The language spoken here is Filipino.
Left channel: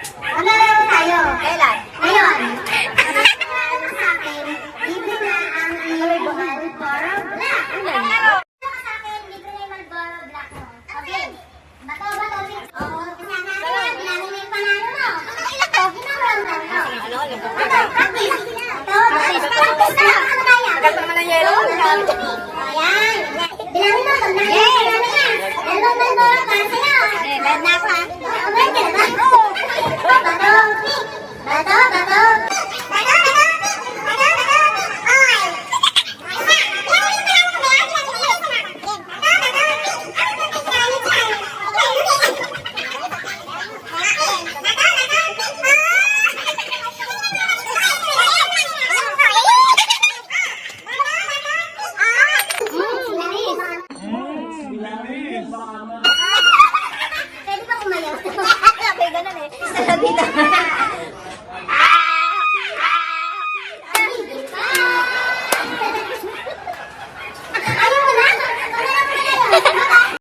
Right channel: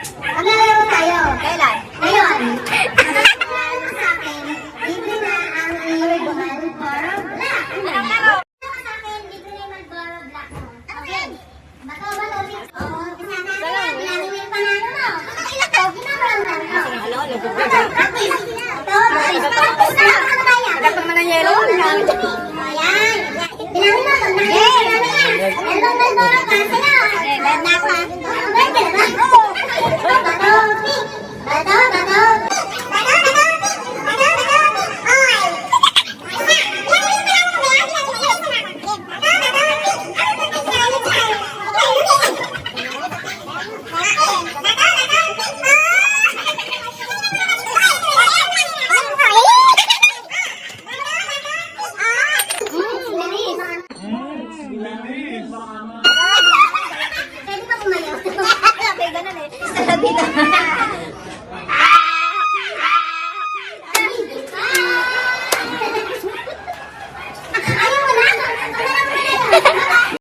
Maglalaro tayo. Kailan? Ngayon, maglalaro ka sa akin, libre na ang iyong Marlboro Black. Anong laro? Ka sa akin, libre na yung Marlboro Black mo. Okay. Bato ba to? Oo, kasama na. Bilangin mo yung panalo mo. Ano ilang to? Ginagawa mo. Okay, practice. Ito, practice na. Ano kaya? Ayan. Bilangin mo. Bilangin yan. Dalawang Marlboro para sa'yo. Bad na ako ha. Pwede na ba?